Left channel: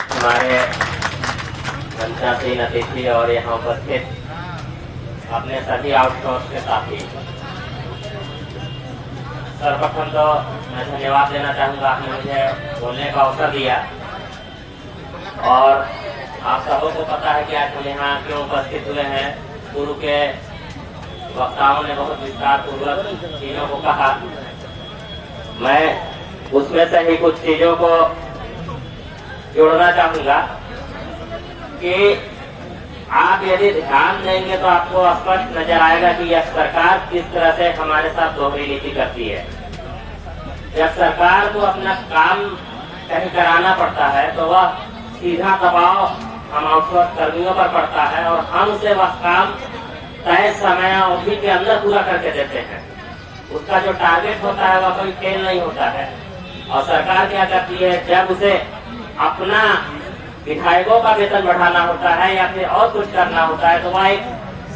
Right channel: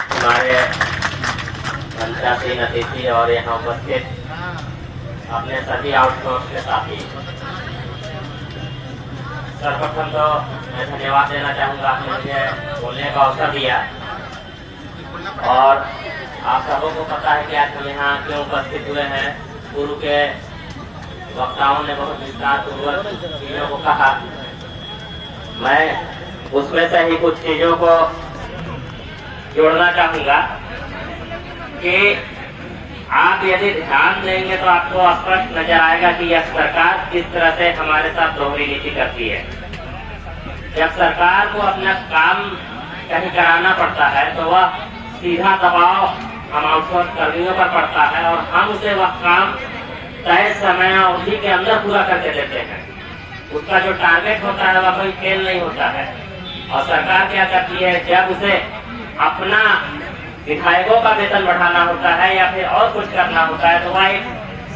हमारे मंचासीन अतिथि और यहाँ उपस्थित अपने सभी आउटसोर्स के साथी, सर्वप्रथम तो मैं धन्यवाद देना चाहूँगा, आपने मुझे बोलने का अवसर दिया। और आप सबों को पता है कि आज हम यहाँ क्यों उपस्थित हुए हैं। पूर्व के वक्ताओं ने बहुत विस्तार पूर्वक चीजों को कहा, मैं उसमें से ही कुछ चीजों को जोड़ना चाहूँगा कि आप यदि ध्यान देंगे तो आपको स्पष्ट नजर आएगा कि यह सरकार किस तरह से हमारे साथ दोहरी नीति करती है। जब सरकार को अपना काम कहीं कराना पड़ता है तो वह सीधा दबाव हम आउटसोर्स कर्मियों पर पड़ता है और हम उसे वह काम तय समय अवधि के अंदर पूरा करके देते हैं। उसका जो टारगेट होता है वह कोई फेल नहीं होता है। और सरकार क्या करती है, जब उसे अपना विधायकों का वेतन बढ़ाना होता है या फिर और कुछ करना होता है तो वह एक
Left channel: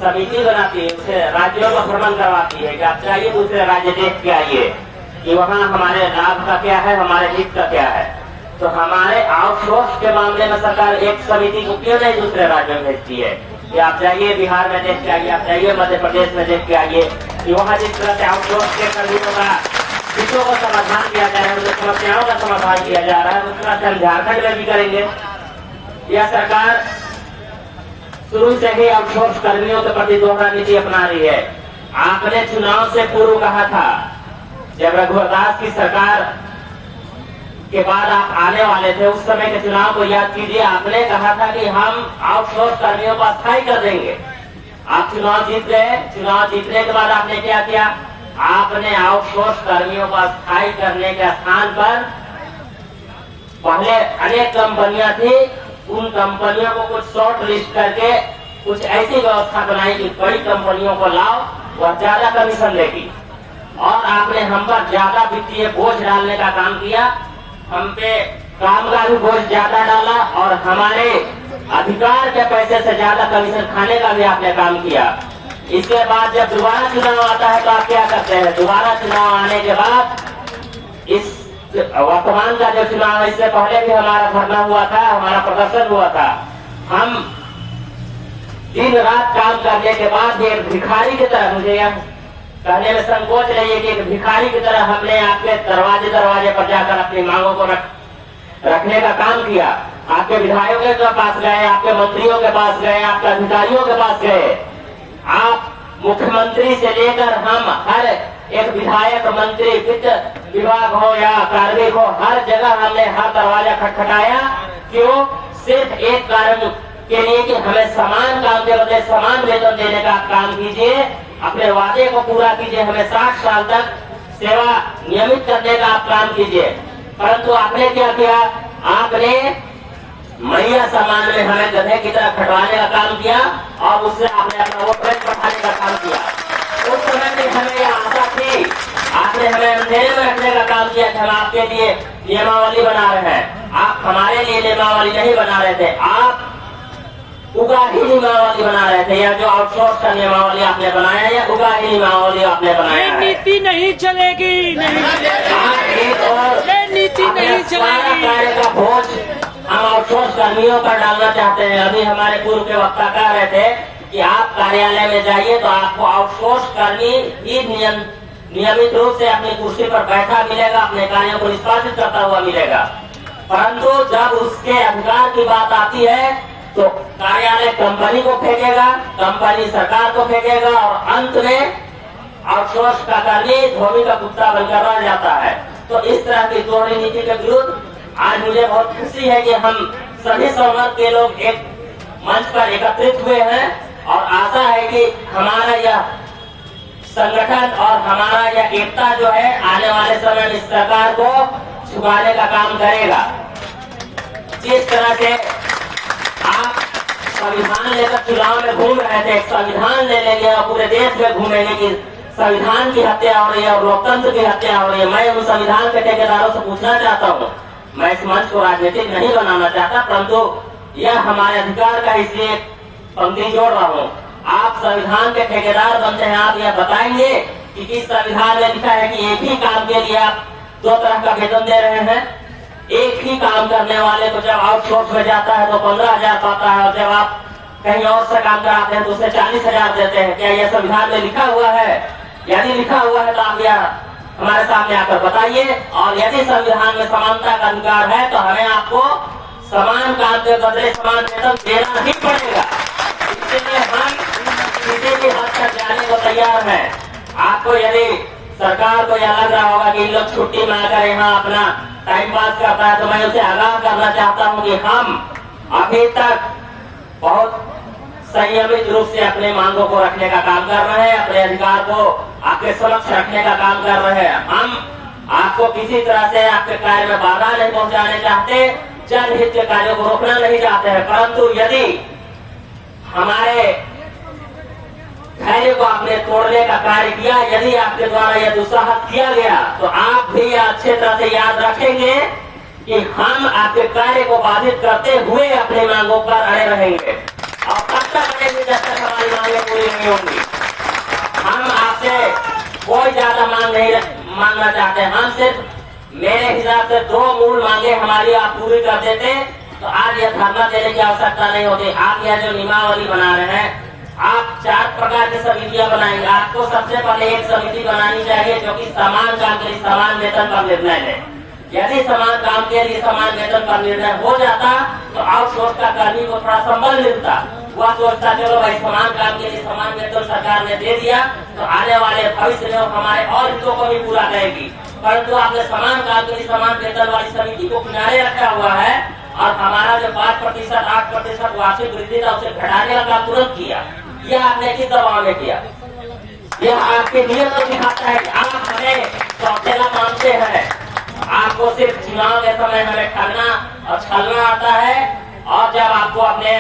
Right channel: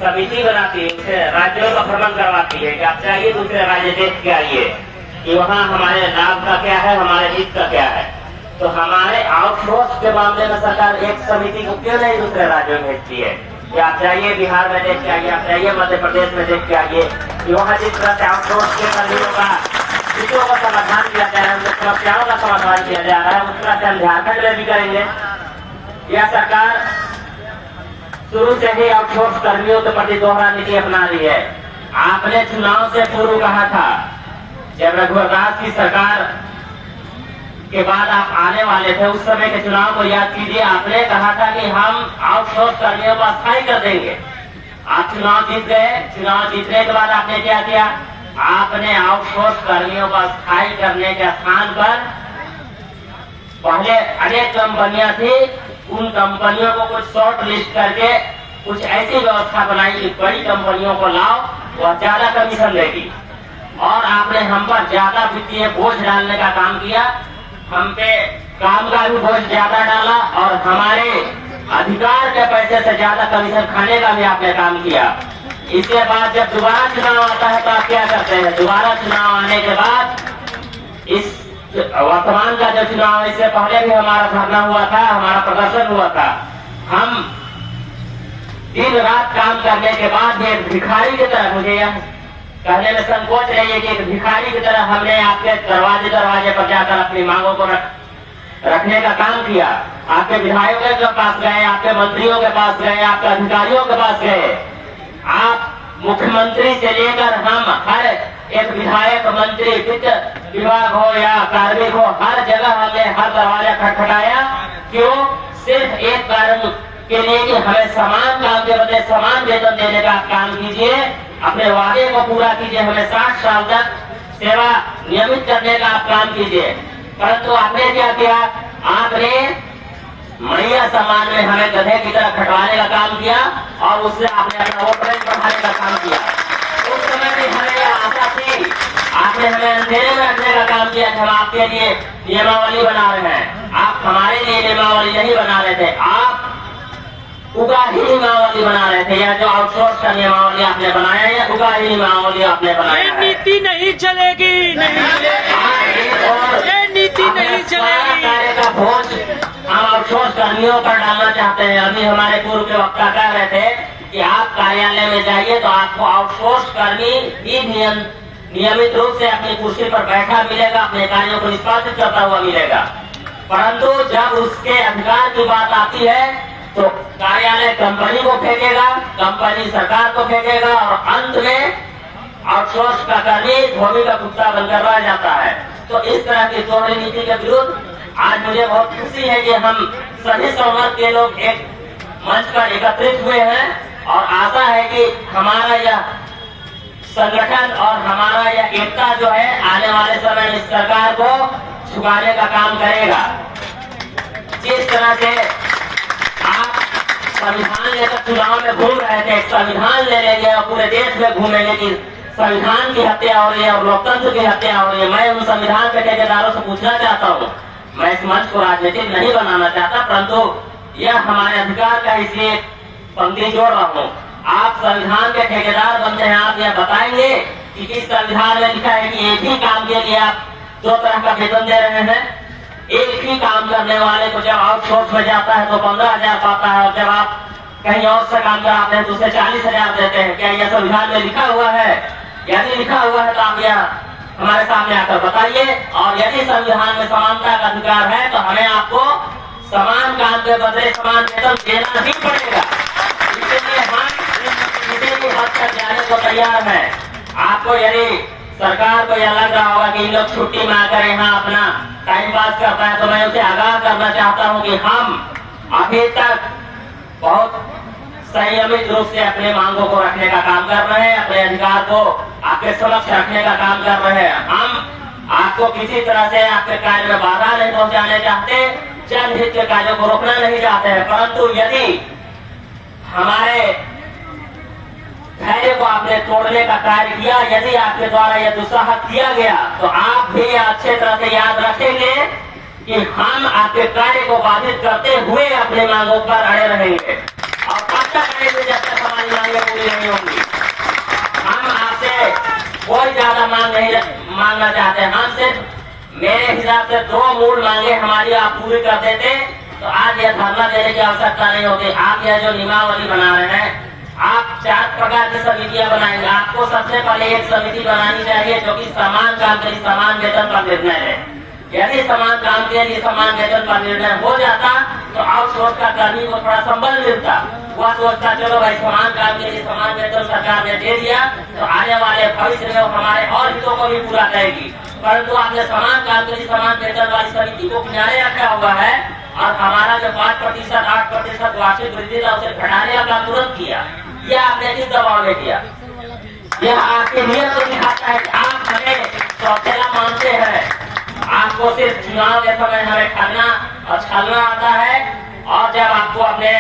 समिति बनाती है, उसे राज्यों का भ्रमण करवाती है कि आप चाहिए दूसरे राज्य देख के आइए कि वहाँ हमारे लाभ का क्या है, हमारे हित का क्या है। तो हमारे आउटसोर्स के मामले में सरकार एक समिति को क्यों नहीं दूसरे राज्यों में भेजती है कि आप जाइए बिहार में देख के आइए, आप जाइए मध्य प्रदेश में देख के आइए कि वहाँ जिस तरह से आउटसोर्स के कर्मियों का हितों का समाधान किया जा रहा है, उनकी समस्याओं का समाधान किया जा रहा है, उस तरह से हम झारखंड में भी करेंगे। यह सरकार शुरू से ही आउटसोर्स कर्मियों के प्रति दोहरा नीति अपना रही है। आपने चुनाव से पूर्व कहा था, जब रघुवर दास की सरकार के बाद आप आने वाले थे, उस समय के चुनाव को याद कीजिए। आपने कहा था कि हम आउटसोर्स कर्मियों को अस्थायी कर देंगे। आप चुनाव जीत गए। चुनाव जीतने के बाद आपने क्या किया, आपने आउटसोर्स कर्मियों को अस्थायी करने के स्थान पर पहले अनेक कंपनियां थी, उन कंपनियों को कुछ शॉर्ट लिस्ट करके कुछ ऐसी व्यवस्था बनाई कि बड़ी कंपनियों को लाओ, वह ज्यादा कमीशन देगी। और आपने हम पर ज्यादा वित्तीय बोझ डालने का काम किया, हम पे काम का भी बोझ ज्यादा डाला और हमारे अधिकार के पैसे से ज्यादा कमीशन खाने का भी आपने काम किया। इसके बाद जब दोबारा चुनाव आता है तो आप क्या करते हैं, दोबारा चुनाव आने के बाद इस वर्तमान का जो चुनाव है, इससे पहले भी हमारा धरना हुआ था, हमारा प्रदर्शन हुआ था। हम दिन रात काम करने के बाद भी एक भिखारी की तरह, मुझे यह कहने में संकोच नहीं है कि एक भिखारी की तरह हमने आपके दरवाजे दरवाजे पर जाकर अपनी मांगों को रखने का काम किया। आपके विधायकों के पास गए, आपके मंत्रियों के पास गए, आपके अधिकारियों के पास गए। आप मुख्यमंत्री से लेकर हम हर एक विधायक, मंत्री, वित्त विभाग हो या कार्मिक हो, हर जगह हमने हर दरवाजा खटखटाया। क्यों? सिर्फ एक कारण के लिए कि हमें समान काम के बदले समान वेतन देने का काम कीजिए, अपने वादे को पूरा कीजिए, हमें 60 साल तक सेवा नियमित करने का आप काम कीजिए। परंतु आपने क्या किया, आपने मैया सम्मान में हमें गधे की तरह खटवाने का काम किया और उससे आपने अपना वोट बैंक बढ़ाने का काम किया। उस समय भी हमें यह आशा थी, आपने हमें अंधेरे में रखने का काम किया कि हम आपके लिए नियमावली बना रहे हैं। आप हमारे लिए नियमावली नहीं बना रहे थे, आप उगाही नियमावली बना रहे थे। या जो आउटसोर्स का नियमावली आपने बनाया या उगाही नियमावली आपने बनाया है। नीति नहीं चलेगी, नहीं ये नीति नहीं चलेगी। कार्य का बोझ हम आउटसोर्स कर्मियों पर डालना चाहते हैं। अभी हमारे पूर्व के वक्ता कह रहे थे कि आप कार्यालय में जाइए तो आपको आउटसोर्स कर्मी ही नियमित रूप से अपनी कुर्सी पर बैठा मिलेगा, अपने कार्यों को निष्पादित करता हुआ मिलेगा। परंतु जब उसके अधिकार की बात आती है तो कार्यालय कंपनी को फेंकेगा, कंपनी सरकार को फेंकेगा और अंत में आउटसोर्स का कर्मी धोबी का कुत्ता बनकर रह जाता है। तो इस तरह की दोहरी नीति के विरुद्ध आज मुझे बहुत खुशी है कि हम सभी संवर्ग के लोग एक मंच पर एकत्रित हुए हैं और आशा है कि हमारा यह संगठन और हमारा यह एकता जो है आने वाले समय में इस सरकार को झुकाने का काम करेगा। जिस तरह से आप संविधान लेकर चुनाव में घूम रहे थे, संविधान ले लेंगे और पूरे देश में घूमेंगे कि संविधान की हत्या हो रही है और लोकतंत्र की हत्या हो रही है। मैं उन संविधान के ठेकेदारों से पूछना चाहता हूँ, मैं इस मंच को राजनीतिक नहीं बनाना चाहता, परंतु यह हमारे अधिकार का इसलिए पंक्ति जोड़ रहा हूँ। आप संविधान के ठेकेदार बनते हैं, आप यह बताएंगे कि किस संविधान में लिखा है कि एक ही काम के लिए आप 2 तरह का वेतन दे रहे हैं। एक ही काम करने वाले को जब आउटसोर्स में जाता है तो 15,000 पाता है, और जब आप कहीं और से काम कराते हैं तो उसे 40,000 देते हैं। क्या यह संविधान में लिखा हुआ है? यदि लिखा हुआ है तो आप यह हमारे सामने आकर बताइए। और यदि संविधान में समानता का अधिकार है तो हमें आपको समान काम के बदले समान वेतन देना ही पड़ेगा। इसलिए हम किसी भी हद तक जाने को तैयार हैं। आपको यदि सरकार को यह लग रहा होगा कि इन लोग छुट्टी में आकर यहाँ अपना टाइम पास करता है, तो मैं उसे आगाह करना चाहता हूँ कि हम अभी तक बहुत संयमित रूप से अपने मांगों को रखने का काम कर रहे हैं, अपने अधिकार को आपके समक्ष रखने का काम कर रहे हैं। हम आपको किसी तरह से आपके कार्य में बाधा नहीं पहुंचाने चाहते, जनहित के कार्यों को रोकना नहीं चाहते हैं। परंतु यदि हमारे धैर्य को आपने तोड़ने का कार्य किया, यदि आपके द्वारा यह दुस्साहस किया गया, तो आप भी अच्छे तरह से याद रखेंगे कि हम आपके कार्य को बाधित करते हुए अपने मांगों पर अड़े रहेंगे। और तब तक अड़ेंगे जब तक हमारी मांगें पूरी नहीं होंगी। हम आपसे कोई ज्यादा मांग नहीं मांगना चाहते। हम सिर्फ मेरे हिसाब से 2 मूल मांगे हमारी आप पूरी कर देते तो आज यह धरना देने की आवश्यकता नहीं होती। आप यह जो नियमावली बना रहे हैं, आप 4 प्रकार की समितियां बनाएंगे। आपको सबसे पहले एक समिति बनानी चाहिए जो कि समान काम के लिए समान वेतन पर निर्णय है। यदि समान काम के लिए समान वेतन पर निर्णय हो जाता तो आउटसोर्स का कर्मी को थोड़ा संबल मिलता। वह सोचता चलो भाई समान काम के लिए समान वेतन सरकार ने दे दिया तो आने वाले भविष्य में हमारे और हितों को भी पूरा करेगी। परंतु आपने समान काम के लिए समान वेतन वाली समिति को किनारे रखा हुआ है और हमारा जो 5%, 8% वार्षिक वृद्धि था उसे घटाने का काम तुरंत किया। यह आपने किस दबाव में किया? यह आपके नियम को दिखाता है कि आप हमें सौतेला मानते हैं। आपको सिर्फ चुनाव के समय हमें ठगना और छलना आता है, और जब आपको अपने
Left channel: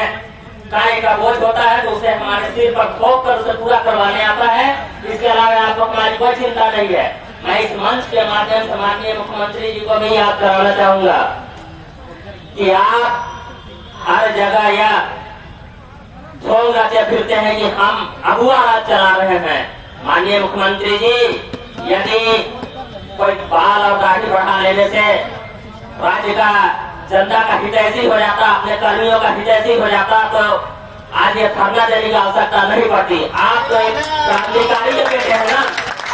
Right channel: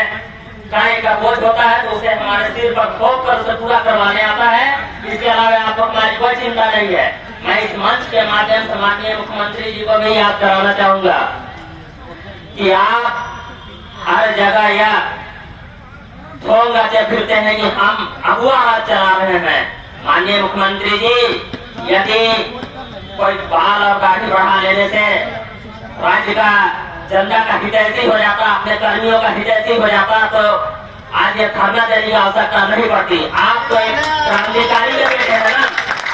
कार्य का बोझ होता है तो उसे हमारे सिर पर ठोक कर उसे पूरा करवाने आता है। इसके अलावा आपको हमारी कोई चिंता नहीं है। मैं इस मंच के माध्यम से माननीय मुख्यमंत्री जी को भी याद कराना चाहूंगा कि आप हर जगह यह ढोंग गाते फिरते हैं कि हम अगुआ राज चला रहे हैं। माननीय मुख्यमंत्री जी, यदि कोई बाल और दाढ़ी बढ़ा लेने से राज्य का जनता का हितैषी हो जाता, अपने कर्मियों का हितैषी हो जाता, तो आज ये धरना देने की आवश्यकता नहीं पड़ती। आप तो एक क्रांतिकारी के बेटे हैं ना।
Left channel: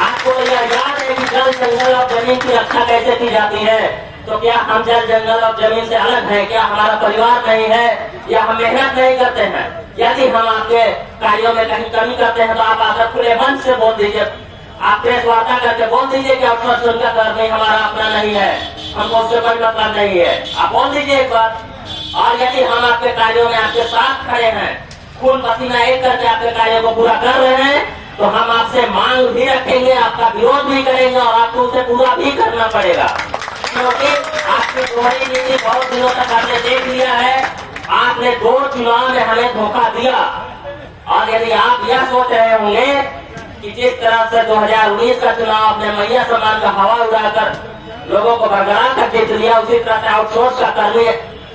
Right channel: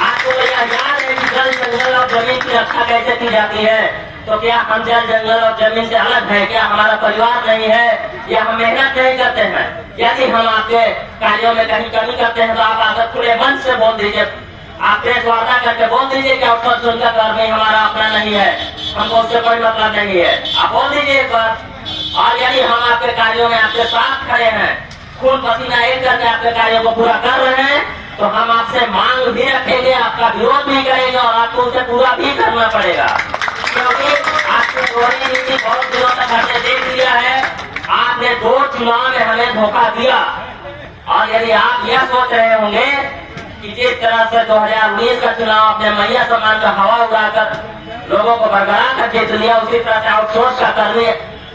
आपको यह याद है कि जल जंगल और जमीन की रक्षा कैसे की जाती है? तो क्या हम जल जंगल और जमीन से अलग हैं? क्या हमारा परिवार नहीं है? या हम मेहनत नहीं करते हैं? यदि हम आपके कार्यों में कहीं कमी करते हैं तो आप आकर खुले मन से बोल दीजिए। आप प्रेस वार्ता करके बोल दीजिए कि आउटसोर्स उनका कर नहीं, हमारा अपना नहीं है, हमको उससे कोई मतलब नहीं है। आप बोल दीजिए एक बार। और यदि हम आपके कार्यों में आपके साथ खड़े हैं, खून पसीना एक करके आपके कार्यों को पूरा कर रहे हैं, तो हम आपसे मांग भी रखेंगे, आपका विरोध भी करेंगे और आपको उसे पूरा भी करना पड़ेगा। क्योंकि आपकी दोहरी नीति बहुत दिनों तक हमने देख लिया है। आपने 2 चुनाव में हमें धोखा दिया, और यदि आप यह सोच रहे होंगे कि जिस तरह से 2019 का चुनाव अपने मैया समान का हवा उड़ाकर लोगों को बरकरार कर जीत लिया, उसी तरह से आउटसोर्स का कर्मी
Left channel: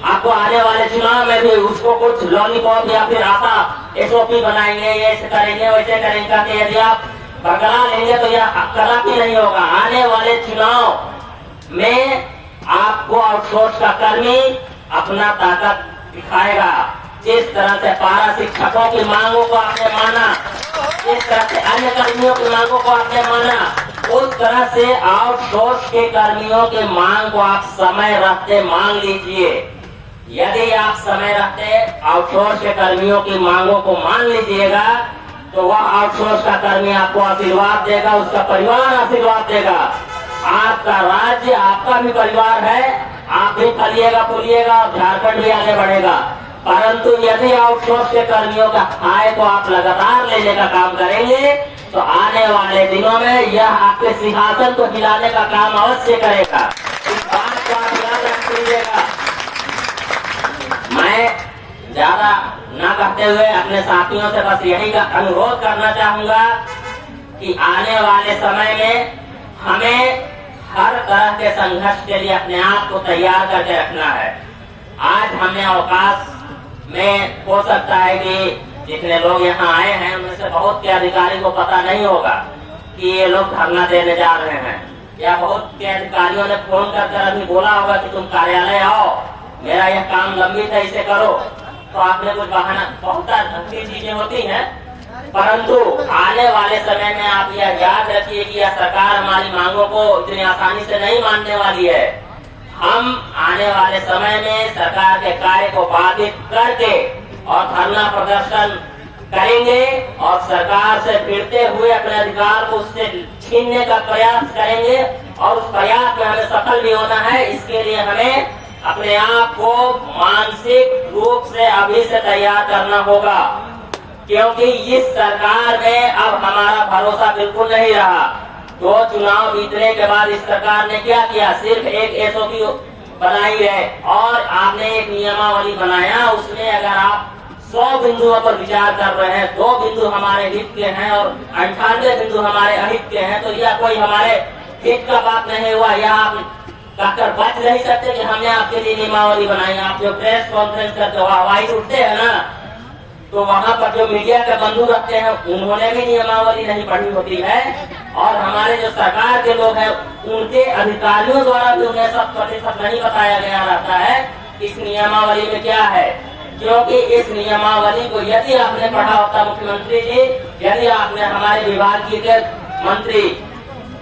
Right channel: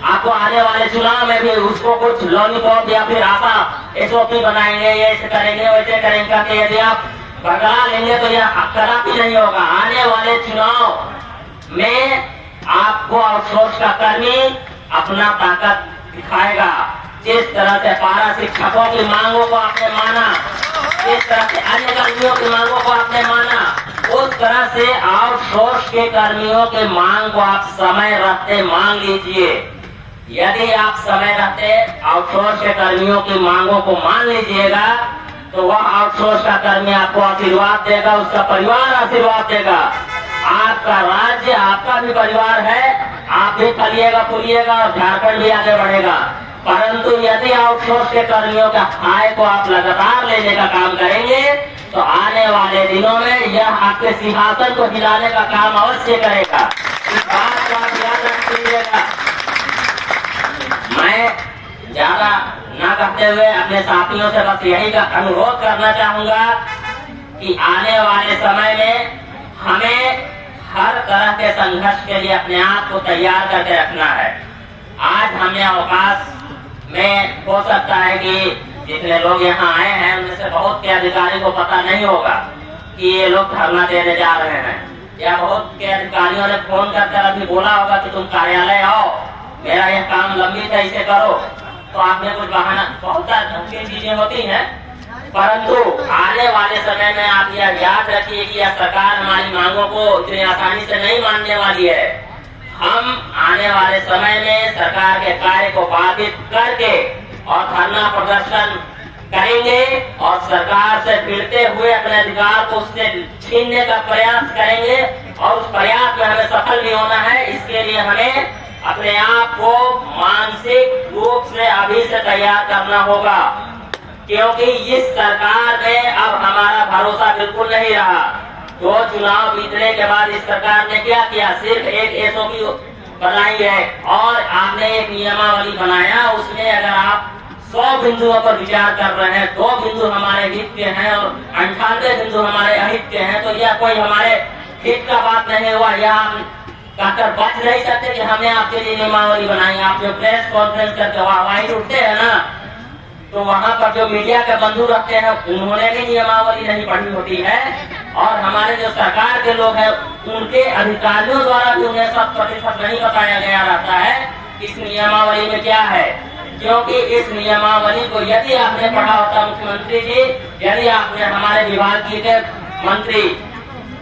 आपको आने वाले चुनाव में भी उसको कुछ लॉलीपॉप या फिर आशा SOP बनाएंगे, ये ऐसे करेंगे वैसे करेंगे। कि यदि आप बरकरार लेंगे तो यह कदापि नहीं होगा। आने वाले चुनाव में आपको आउटसोर्स का कर्मी अपना ताकत दिखाएगा। जिस तरह से पारा शिक्षकों की मांगों को आपने माना, जिस तरह से अन्य कर्मियों की मांगों को आपने माना, उस तरह से आउटसोर्स के कर्मियों की मांग को आप समय रहते मांग लीजिए। यदि आप समय रहते आउटसोर्स के कर्मियों की मांगों को मान लीजिएगा तो वह आउटसोर्स का कर्मी आपको आशीर्वाद देगा, उसका परिवार आशीर्वाद देगा। आपका राज्य आपका भी परिवार है, आप भी फलिएगा फूलिएगा और झारखंड भी आगे बढ़ेगा। परंतु यदि आउटसोर्स के कर्मियों का आय को आप लगातार लेने का काम करेंगे तो आने वाले दिनों में यह आपके सिंहासन को हिलाने का काम अवश्य करेगा। इस बात को आप याद रख लीजिएगा। मैं ज्यादा न कहते हुए अपने साथियों से बस यही का अनुरोध करना चाहूंगा कि आने वाले समय में हमें हर तरह के संघर्ष के लिए अपने आप को तैयार करके रखना है। आज हमने अवकाश में हो सकता है कि जितने लोग यहाँ आए हैं उनमें से बहुत के अधिकारी को पता नहीं होगा कि ये लोग धरना देने जा रहे हैं। या बहुत के अधिकारियों ने फोन कर अभी बोला होगा कि तुम कार्यालय आओ, मेरा यह काम लंबित है, इसे करो, तो आपने कुछ बहाना, बहुत ढंग चीजें होती हैं, परंतु आने वाले समय में आप यह याद रखिए कि यह सरकार हमारी मांगों को इतनी आसानी से नहीं मानने वाली है। हम आने वाले समय में सरकार के कार्य को बाधित करके और धरना प्रदर्शन करेंगे और सरकार से भिड़ते हुए अपने अधिकार को उससे छीनने का प्रयास करेंगे, और उस प्रयास में हमें सफल भी होना है। इसके लिए हमें अपने आप को मानसिक रूप से अभी से तैयार करना होगा, क्योंकि इस सरकार में अब हमारा भरोसा बिल्कुल नहीं रहा। जो चुनाव जीतने के बाद इस सरकार ने क्या किया, सिर्फ एक एसओपी बनाई है और आपने एक नियमावली बनाया, उसमें अगर आप 100 बिंदुओं पर विचार कर रहे हैं, 2 बिंदु हमारे हित के हैं और 98 बिंदु हमारे अहित के हैं, तो यह कोई हमारे हित का बात नहीं हुआ। यह आप कहकर बच नहीं सकते कि हमने आपके लिए नियमावली बनाई। आप जो प्रेस कॉन्फ्रेंस करके वाहिर उठते हैं ना, तो वहाँ पर जो मीडिया के बंधु रखते हैं उन्होंने भी नियमावली नहीं पढ़ी होती है, और हमारे जो सरकार के लोग हैं उनके अधिकारियों द्वारा भी उन्हें 100% नहीं बताया गया रहता है इस नियमावली में क्या है। क्योंकि इस नियमावली को यदि आपने पढ़ा होता मुख्यमंत्री जी, यदि आपने हमारे विभाग के मंत्री,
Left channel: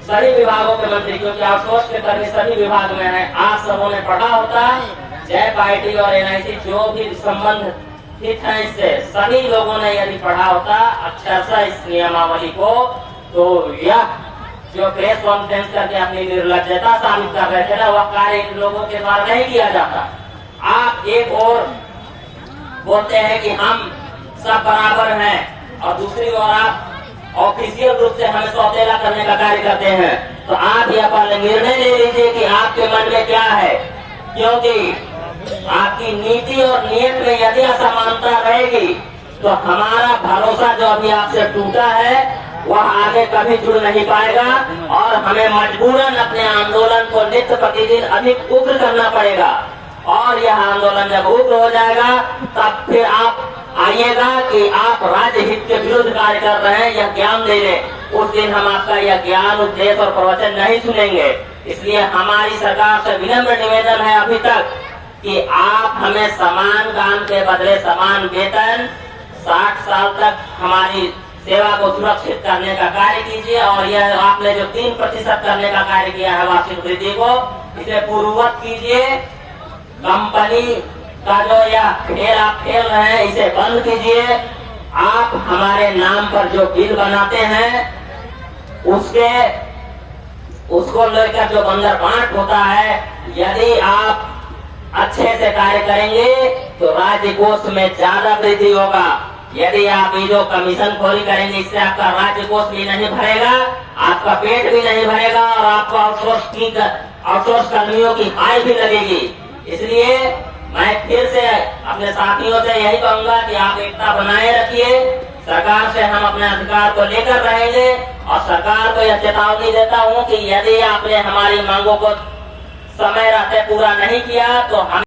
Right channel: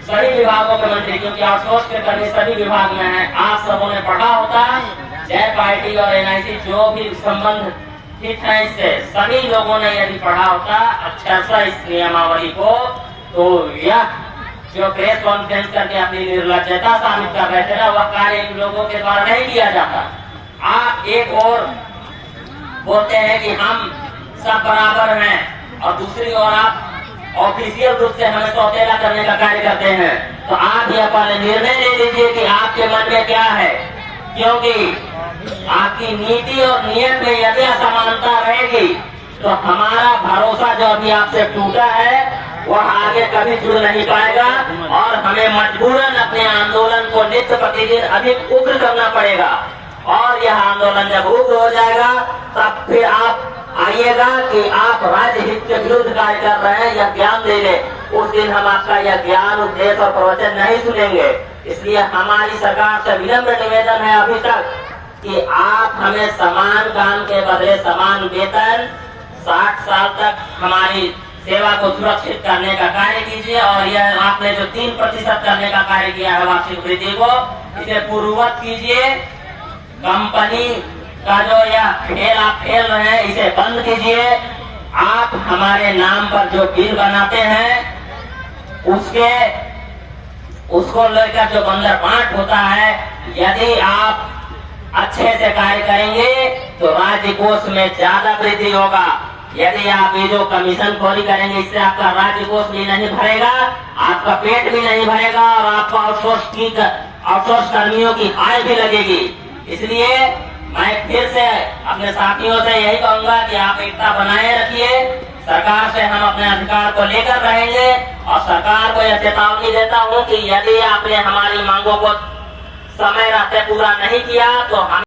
सभी विभागों के मंत्री, क्योंकि आउटसोर्स के कर्मी सभी विभाग में हैं, आप सबों ने पढ़ा होता, जय पार्टी और एनआईसी जो भी संबंध ठीक है इससे, सभी लोगों ने यदि पढ़ा होता अक्षरशः इस नियमावली को, तो यह जो प्रेस कॉन्फ्रेंस करके अपनी निर्लज्जता साबित कर रहे थे ना, वह कार्य इन लोगों के द्वारा नहीं किया जाता। आप एक और बोलते हैं कि हम सब बराबर हैं, और दूसरी ओर आप ऑफिशियल रूप से हमें सौतेला करने का कार्य करते हैं। तो आप यह पहले निर्णय ले लीजिए कि आपके मन में क्या है, क्योंकि आपकी नीति और नियत में यदि असमानता रहेगी तो हमारा भरोसा जो अभी आपसे टूटा है वह आगे कभी जुड़ नहीं पाएगा, और हमें मजबूरन अपने आंदोलन को नित्य प्रतिदिन अधिक उग्र करना पड़ेगा। और यह आंदोलन जब उग्र हो जाएगा तब फिर आप आइएगा कि आप राज्य हित के विरुद्ध कार्य कर रहे हैं, यह ज्ञान दे ले। उस दिन हम आपका यह ज्ञान, उपदेश और प्रवचन नहीं सुनेंगे। इसलिए हमारी सरकार से विनम्र निवेदन है अभी तक कि आप हमें समान काम के बदले समान वेतन, 60 साल तक हमारी सेवा को सुरक्षित करने का कार्य कीजिए, और यह आपने जो 3% करने का कार्य किया है वार्षिक वृद्धि को, इसे पूर्ववत कीजिए। कंपनी का जो यह खेल आप खेल रहे हैं इसे बंद कीजिए। आप हमारे नाम पर जो बिल बनाते हैं उसको लेकर जो बंदर बांट होता है, यदि आप अच्छे से कार्य करेंगे तो राज्य कोष में ज्यादा वृद्धि होगा। यदि आप ये जो कमीशन खोरी करेंगे इससे आपका राज्य कोष भी नहीं भरेगा, आपका पेट भी नहीं भरेगा, और आपको आउटसोर्स कर्मियों की आय भी लगेगी। इसलिए मैं फिर से अपने साथियों से यही कहूंगा कि आप एकता बनाए रखिए। सरकार से हम अपने अधिकार को लेकर रहेंगे, और सरकार को यह चेतावनी देता हूं कि यदि आपने हमारी मांगों को समय रहते पूरा नहीं किया तो हम